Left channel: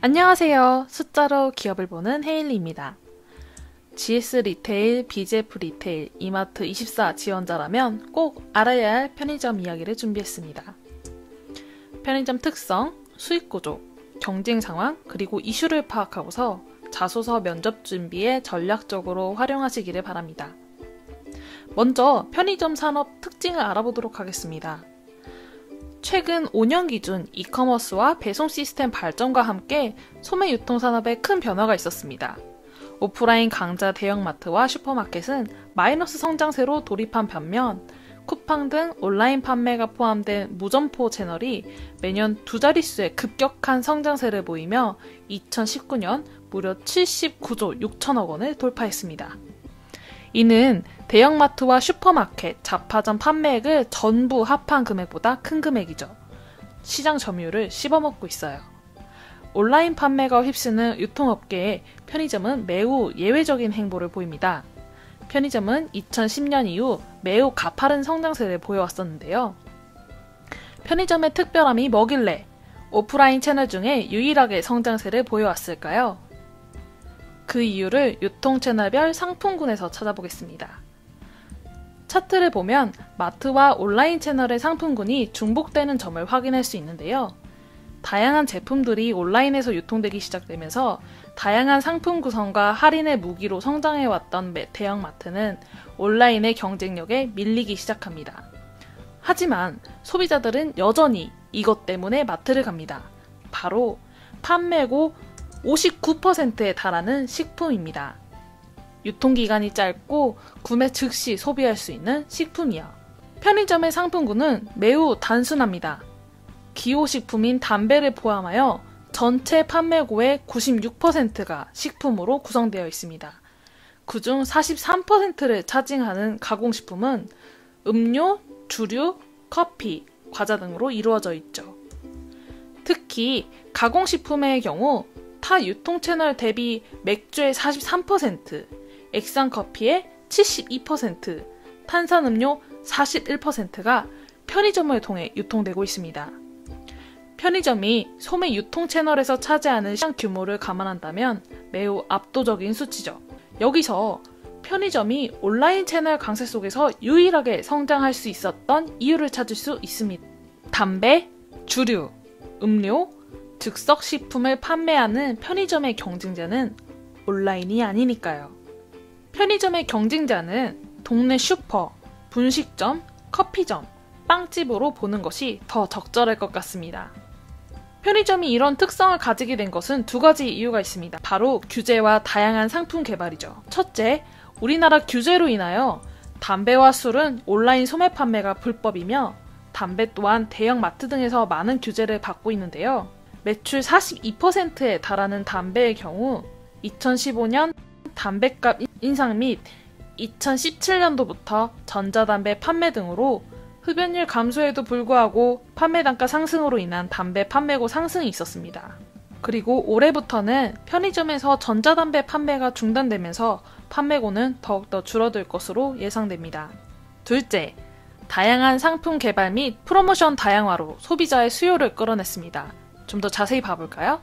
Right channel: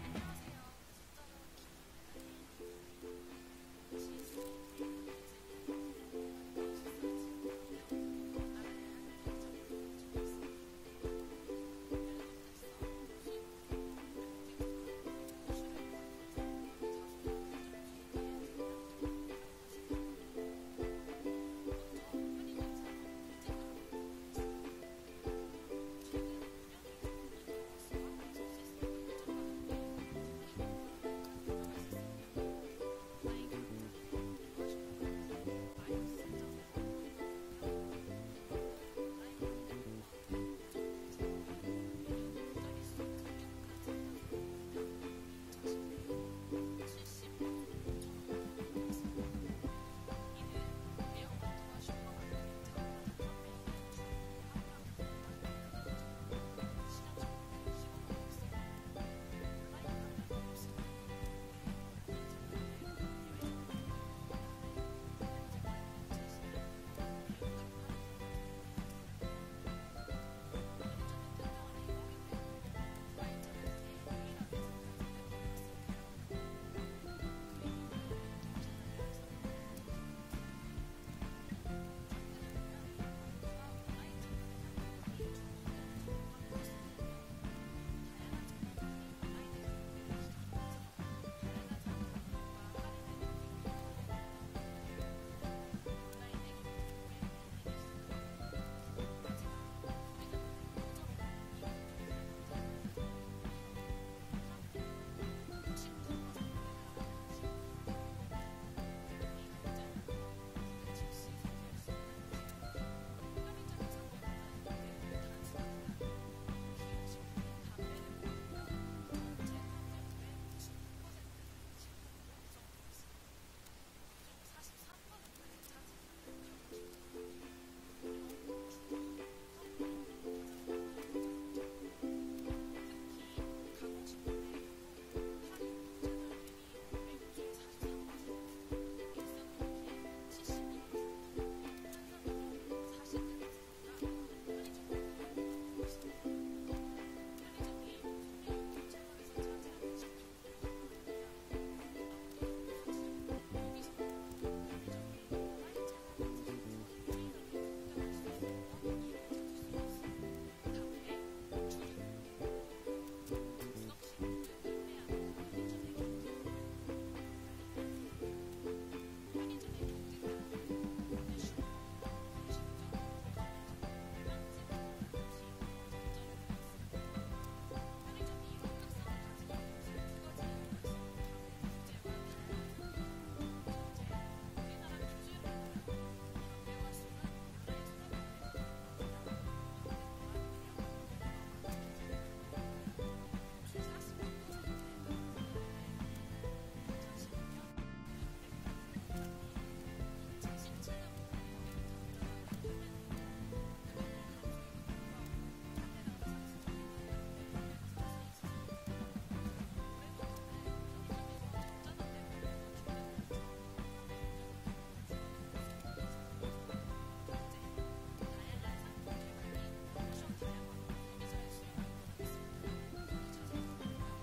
안녕하세요. 숫자로 기업을 보는 헤일리입니다. GS 리테일, BJF 리테일, 이마트24 지원자라면 꼭 알아야 할 편의점 이야기를 준비했습니다. 편의점 특성, 수익 구조, 경쟁 상황, 그리고 이슈를 파악하고서 자소서 면접 준비에 전략적으로 활용하시기를 바랍니다. 먼저 편의점 산업 특징을 알아보도록 하겠습니다. 최근 5년 기준 이커머스와 배송 시스템 발전과 함께 소매 유통 산업에 큰 변화가 있었습니다. 오프라인 강자 대형마트와 슈퍼마켓은 마이너스 성장세로 돌입한 반면 쿠팡 등 온라인 판매가 포함된 무점포 채널이 매년 두 자릿수의 급격한 성장세를 보이며 2019년 무려 79조 6천억 원을 돌파했습니다. 이는 대형마트와 슈퍼마켓, 잡화점 판매액을 전부 합한 금액보다 큰 금액이죠. 시장 점유율을 씹어먹고 있어요. 온라인 판매가 휩쓰는 유통업계에 편의점은 매우 예외적인 행보를 보입니다. 편의점은 2010년 이후 매우 가파른 성장세를 보여왔었는데요. 편의점의 특별함이 뭐길래 오프라인 채널 중에 유일하게 성장세를 보여왔을까요? 그 이유를 유통 채널별 상품군에서 찾아보겠습니다. 차트를 보면 마트와 온라인 채널의 상품군이 중복되는 점을 확인할 수 있는데요. 다양한 제품들이 온라인에서 유통되기 시작되면서 다양한 상품 구성과 할인의 무기로 성장해왔던 대형마트는 온라인의 경쟁력에 밀리기 시작합니다. 하지만 소비자들은 여전히 이것 때문에 마트를 갑니다. 바로 판매고 59%에 달하는 식품입니다. 유통기간이 짧고 구매 즉시 소비할 수 있는 식품이야. 편의점의 상품군은 매우 단순합니다. 기호식품인 담배를 포함하여 전체 판매고의 96%가 식품으로 구성되어 있습니다. 그중 43%를 차지하는 가공식품은 음료, 주류, 커피, 과자 등으로 이루어져 있죠. 특히 가공식품의 경우 타 유통 채널 대비 맥주의 43%, 액상커피의 72%, 탄산음료 41%가 편의점을 통해 유통되고 있습니다. 편의점이 소매 유통 채널에서 차지하는 시장 규모를 감안한다면 매우 압도적인 수치죠. 여기서 편의점이 온라인 채널 강세 속에서 유일하게 성장할 수 있었던 이유를 찾을 수 있습니다. 담배, 주류, 음료, 즉석식품을 판매하는 편의점의 경쟁자는 온라인이 아니니까요. 편의점의 경쟁자는 동네 슈퍼, 분식점, 커피점, 빵집으로 보는 것이 더 적절할 것 같습니다. 편의점이 이런 특성을 가지게 된 것은 두 가지 이유가 있습니다. 바로 규제와 다양한 상품 개발이죠. 첫째, 우리나라 규제로 인하여 담배와 술은 온라인 소매 판매가 불법이며 담배 또한 대형 마트 등에서 많은 규제를 받고 있는데요. 매출 42%에 달하는 담배의 경우 2015년 담배값 인상 및 2017년도부터 전자담배 판매 등으로 흡연율 감소에도 불구하고 판매 단가 상승으로 인한 담배 판매고 상승이 있었습니다. 그리고 올해부터는 편의점에서 전자담배 판매가 중단되면서 판매고는 더욱더 줄어들 것으로 예상됩니다. 둘째, 다양한 상품 개발 및 프로모션 다양화로 소비자의 수요를 끌어냈습니다. 좀 더 자세히 봐볼까요?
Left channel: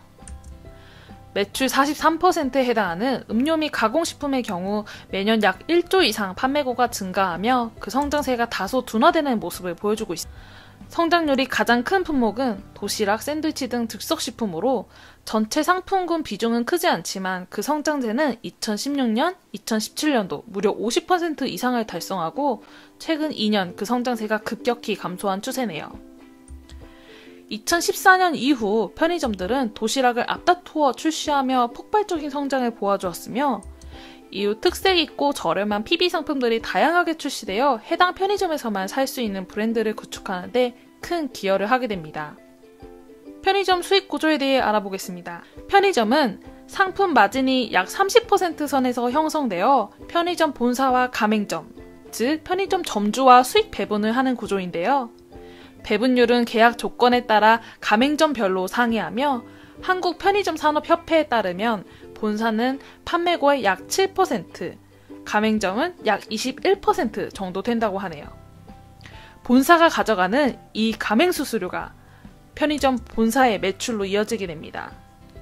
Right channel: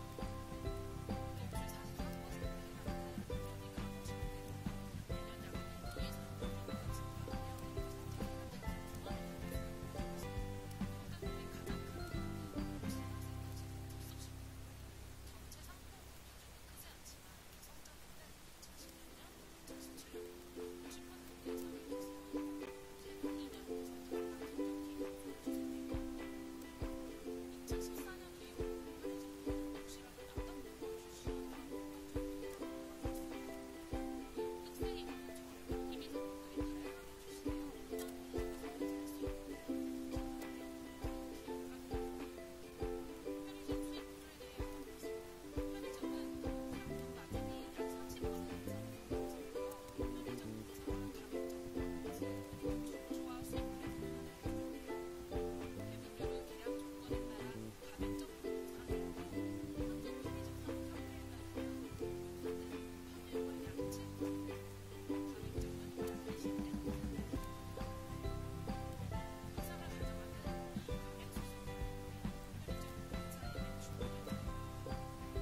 매출 43%에 해당하는 음료 및 가공식품의 경우 매년 약 1조 이상 판매고가 증가하며 그 성장세가 다소 둔화되는 모습을 보여주고 있습니다. 성장률이 가장 큰 품목은 도시락, 샌드위치 등 즉석식품으로 전체 상품군 비중은 크지 않지만 그 성장세는 2016년, 2017년도 무려 50% 이상을 달성하고 최근 2년 그 성장세가 급격히 감소한 추세네요. 2014년 이후 편의점들은 도시락을 앞다투어 출시하며 폭발적인 성장을 보여주었으며 이후 특색 있고 저렴한 PB 상품들이 다양하게 출시되어 해당 편의점에서만 살 수 있는 브랜드를 구축하는 데 큰 기여를 하게 됩니다. 편의점 수익 구조에 대해 알아보겠습니다. 편의점은 상품 마진이 약 30% 선에서 형성되어 편의점 본사와 가맹점, 즉 편의점 점주와 수익 배분을 하는 구조인데요. 배분율은 계약 조건에 따라 가맹점별로 상이하며 한국편의점산업협회에 따르면 본사는 판매고의 약 7%, 가맹점은 약 21% 정도 된다고 하네요. 본사가 가져가는 이 가맹수수료가 편의점 본사의 매출로 이어지게 됩니다.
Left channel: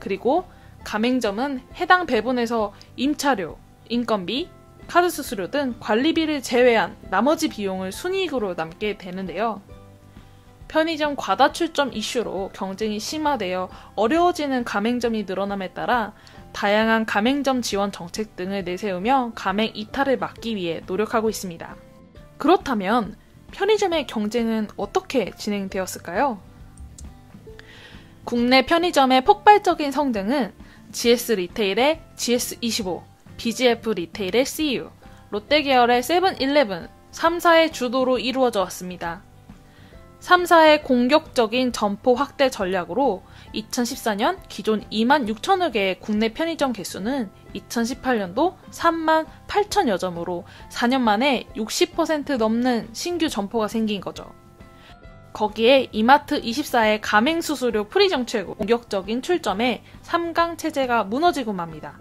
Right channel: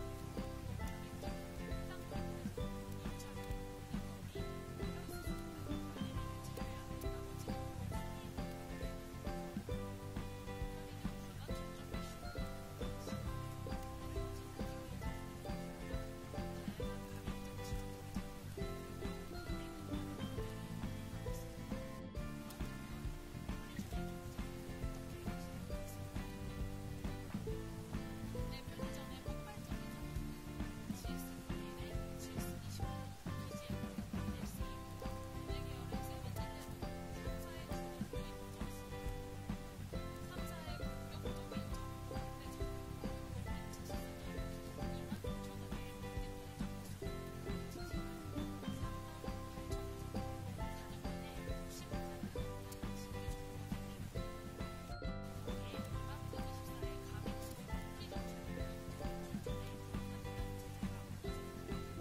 그리고 가맹점은 해당 배분에서 임차료, 인건비, 카드 수수료 등 관리비를 제외한 나머지 비용을 순이익으로 남게 되는데요. 편의점 과다 출점 이슈로 경쟁이 심화되어 어려워지는 가맹점이 늘어남에 따라 다양한 가맹점 지원 정책 등을 내세우며 가맹 이탈을 막기 위해 노력하고 있습니다. 그렇다면 편의점의 경쟁은 어떻게 진행되었을까요? 국내 편의점의 폭발적인 성장은 GS 리테일의 GS25, BGF 리테일의 CU, 롯데 계열의 세븐일레븐, 3사의 주도로 이루어져 왔습니다. 3사의 공격적인 점포 확대 전략으로 2014년 기존 2만 6천여 개의 국내 편의점 개수는 2018년도 3만 8천여 점으로 4년 만에 60% 넘는 신규 점포가 생긴 거죠. 거기에 이마트24의 가맹수수료 프리 정책 공격적인 출점에 3강 체제가 무너지고 맙니다.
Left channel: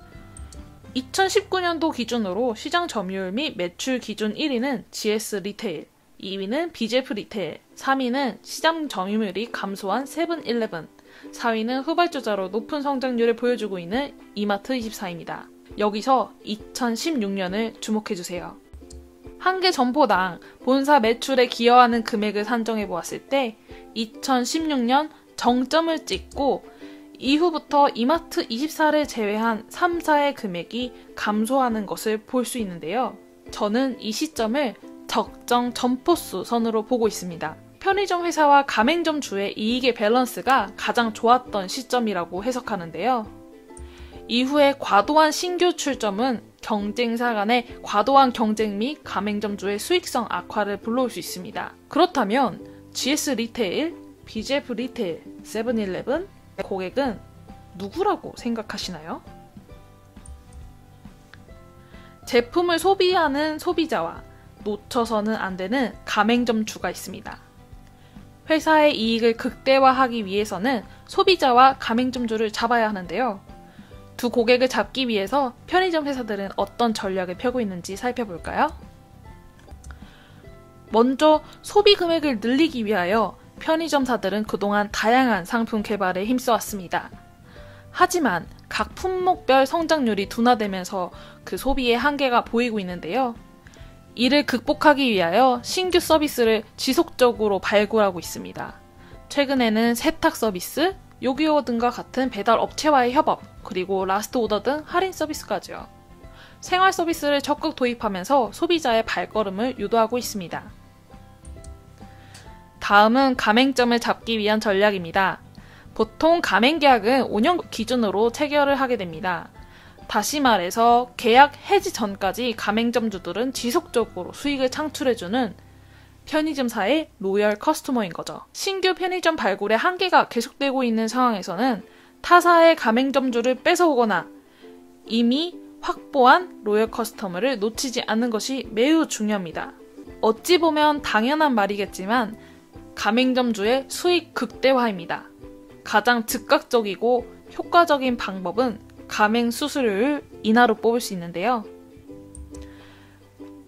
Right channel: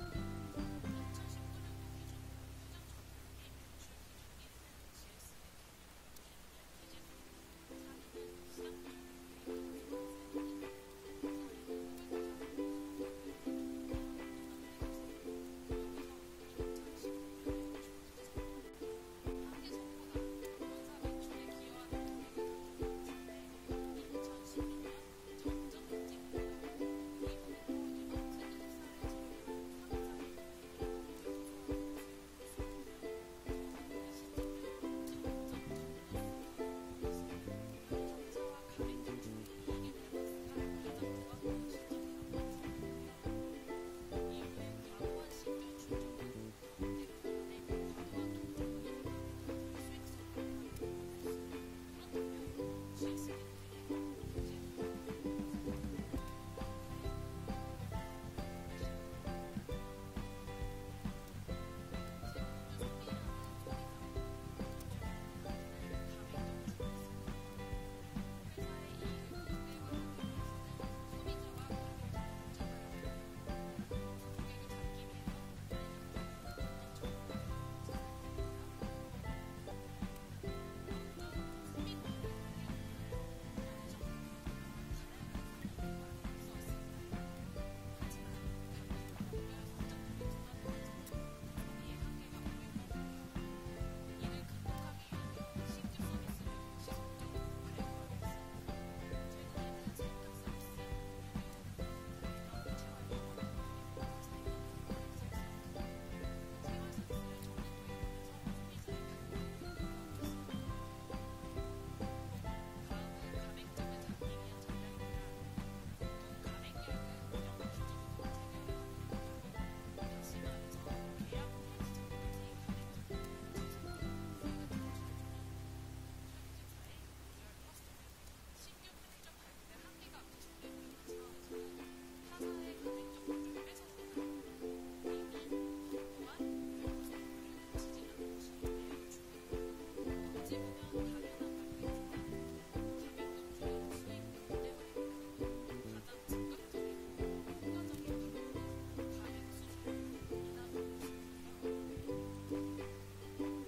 2019년도 기준으로 시장 점유율 및 매출 기준 1위는 GS 리테일, 2위는 BGF 리테일, 3위는 시장 점유율이 감소한 세븐일레븐, 4위는 후발주자로 높은 성장률을 보여주고 있는 이마트24입니다. 여기서 2016년을 주목해주세요. 한 개 점포당 본사 매출에 기여하는 금액을 산정해 보았을 때 2016년 정점을 찍고 이후부터 이마트24를 제외한 3사의 금액이 감소하는 것을 볼 수 있는데요. 저는 이 시점을 적정 점포수 선으로 보고 있습니다. 편의점 회사와 가맹점 주의 이익의 밸런스가 가장 좋았던 시점이라고 해석하는데요. 이후에 과도한 신규 출점은 경쟁사 간의 과도한 경쟁 및 가맹점주의 수익성 악화를 불러올 수 있습니다. 그렇다면 GS 리테일, BGF 리테일, 세븐일레븐 고객은 누구라고 생각하시나요? 제품을 소비하는 소비자와 놓쳐서는 안 되는 가맹점주가 있습니다. 회사의 이익을 극대화하기 위해서는 소비자와 가맹점주를 잡아야 하는데요. 두 고객을 잡기 위해서 편의점 회사들은 어떤 전략을 펴고 있는지 살펴볼까요? 먼저 소비 금액을 늘리기 위하여 편의점사들은 그동안 다양한 상품 개발에 힘써왔습니다. 하지만 각 품목별 성장률이 둔화되면서 그 소비의 한계가 보이고 있는데요. 이를 극복하기 위하여 신규 서비스를 지속적으로 발굴하고 있습니다. 최근에는 세탁 서비스, 요기요어 등과 같은 배달 업체와의 협업, 그리고 라스트 오더 등 할인 서비스까지요. 생활 서비스를 적극 도입하면서 소비자의 발걸음을 유도하고 있습니다. 다음은 가맹점을 잡기 위한 전략입니다. 보통 가맹 계약은 5년 기준으로 체결을 하게 됩니다. 다시 말해서 계약 해지 전까지 가맹점주들은 지속적으로 수익을 창출해주는 편의점사의 로열 커스터머인 거죠. 신규 편의점 발굴의 한계가 계속되고 있는 상황에서는 타사의 가맹점주를 뺏어오거나 이미 확보한 로열 커스터머를 놓치지 않는 것이 매우 중요합니다. 어찌 보면 당연한 말이겠지만 가맹점주의 수익 극대화입니다. 가장 즉각적이고 효과적인 방법은 가맹 수수료를 인하로 뽑을 수 있는데요.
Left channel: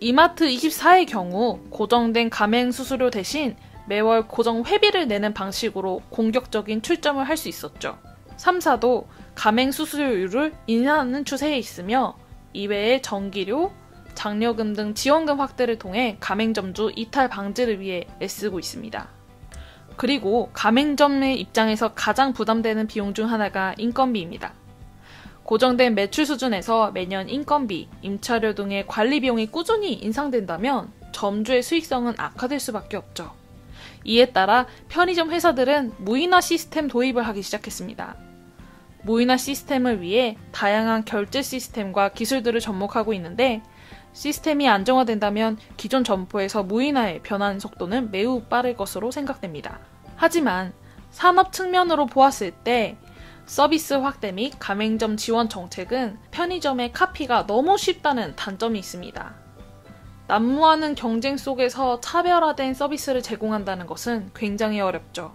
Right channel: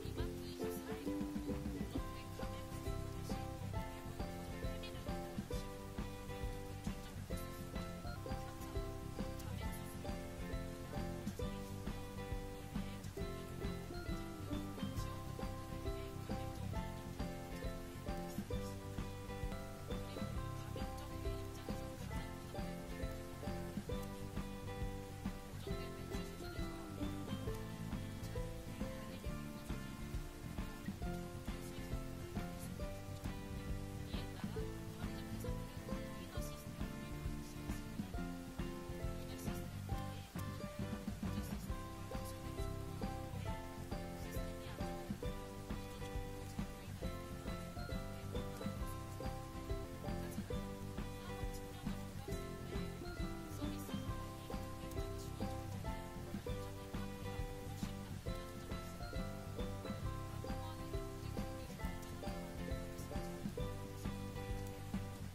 이마트24의 경우 고정된 가맹 수수료 대신 매월 고정 회비를 내는 방식으로 공격적인 출점을 할 수 있었죠. 3사도 가맹 수수료율을 인하하는 추세에 있으며 이외에 전기료, 장려금 등 지원금 확대를 통해 가맹점주 이탈 방지를 위해 애쓰고 있습니다. 그리고 가맹점의 입장에서 가장 부담되는 비용 중 하나가 인건비입니다. 고정된 매출 수준에서 매년 인건비, 임차료 등의 관리 비용이 꾸준히 인상된다면 점주의 수익성은 악화될 수밖에 없죠. 이에 따라 편의점 회사들은 무인화 시스템 도입을 하기 시작했습니다. 무인화 시스템을 위해 다양한 결제 시스템과 기술들을 접목하고 있는데 시스템이 안정화된다면 기존 점포에서 무인화에 변하는 속도는 매우 빠를 것으로 생각됩니다. 하지만 산업 측면으로 보았을 때 서비스 확대 및 가맹점 지원 정책은 편의점의 카피가 너무 쉽다는 단점이 있습니다. 난무하는 경쟁 속에서 차별화된 서비스를 제공한다는 것은 굉장히 어렵죠.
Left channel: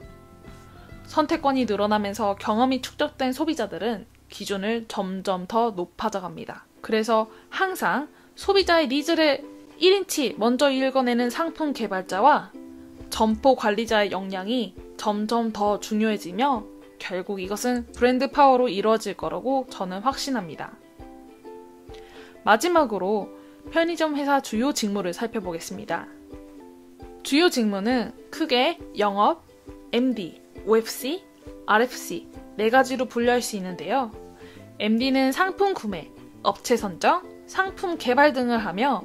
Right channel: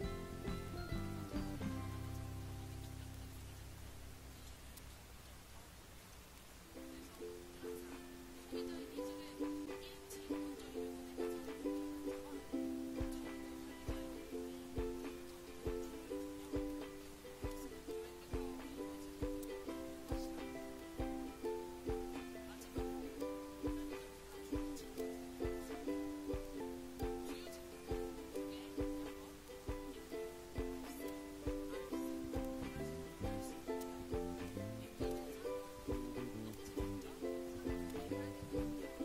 선택권이 늘어나면서 경험이 축적된 소비자들은 기준을 점점 더 높아져 갑니다. 그래서 항상 소비자의 니즈를 1인치 먼저 읽어내는 상품 개발자와 점포 관리자의 역량이 점점 더 중요해지며 결국 이것은 브랜드 파워로 이루어질 거라고 저는 확신합니다. 마지막으로 편의점 회사 주요 직무를 살펴보겠습니다. 주요 직무는 크게 영업, MD, OFC, RFC 4가지로 분류할 수 있는데요. MD는 상품 구매, 업체 선정, 상품 개발 등을 하며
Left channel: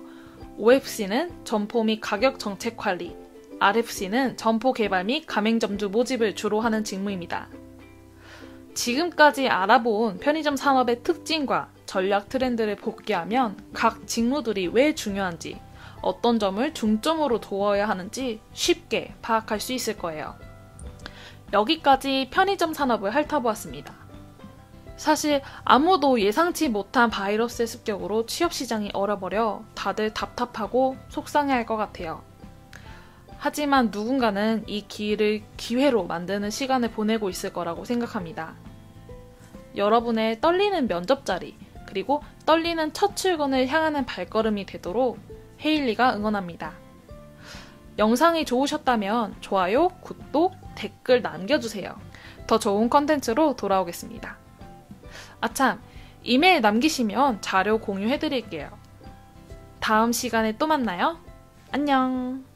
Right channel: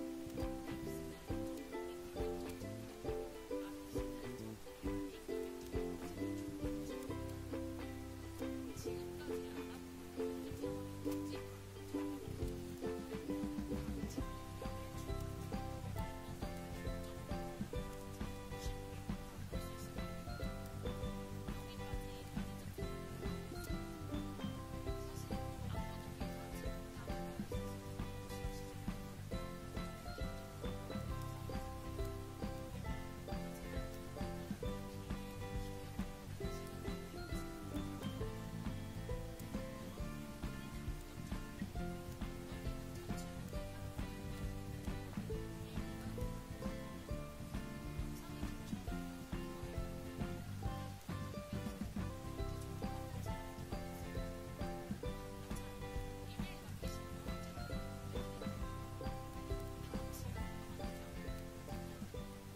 OFC는 점포 및 가격 정책 관리, RFC는 점포 개발 및 가맹점주 모집을 주로 하는 직무입니다. 지금까지 알아본 편의점 산업의 특징과 전략 트렌드를 복귀하면 각 직무들이 왜 중요한지, 어떤 점을 중점으로 두어야 하는지 쉽게 파악할 수 있을 거예요. 여기까지 편의점 산업을 핥아보았습니다. 사실 아무도 예상치 못한 바이러스의 습격으로 취업시장이 얼어버려 다들 답답하고 속상해할 것 같아요. 하지만 누군가는 이 기회를 기회로 만드는 시간을 보내고 있을 거라고 생각합니다. 여러분의 떨리는 면접 자리, 그리고 떨리는 첫 출근을 향하는 발걸음이 되도록 헤일리가 응원합니다. 영상이 좋으셨다면 좋아요, 구독, 댓글 남겨주세요. 더 좋은 컨텐츠로 돌아오겠습니다. 아참, 이메일 남기시면 자료 공유해드릴게요. 다음 시간에 또 만나요. 안녕.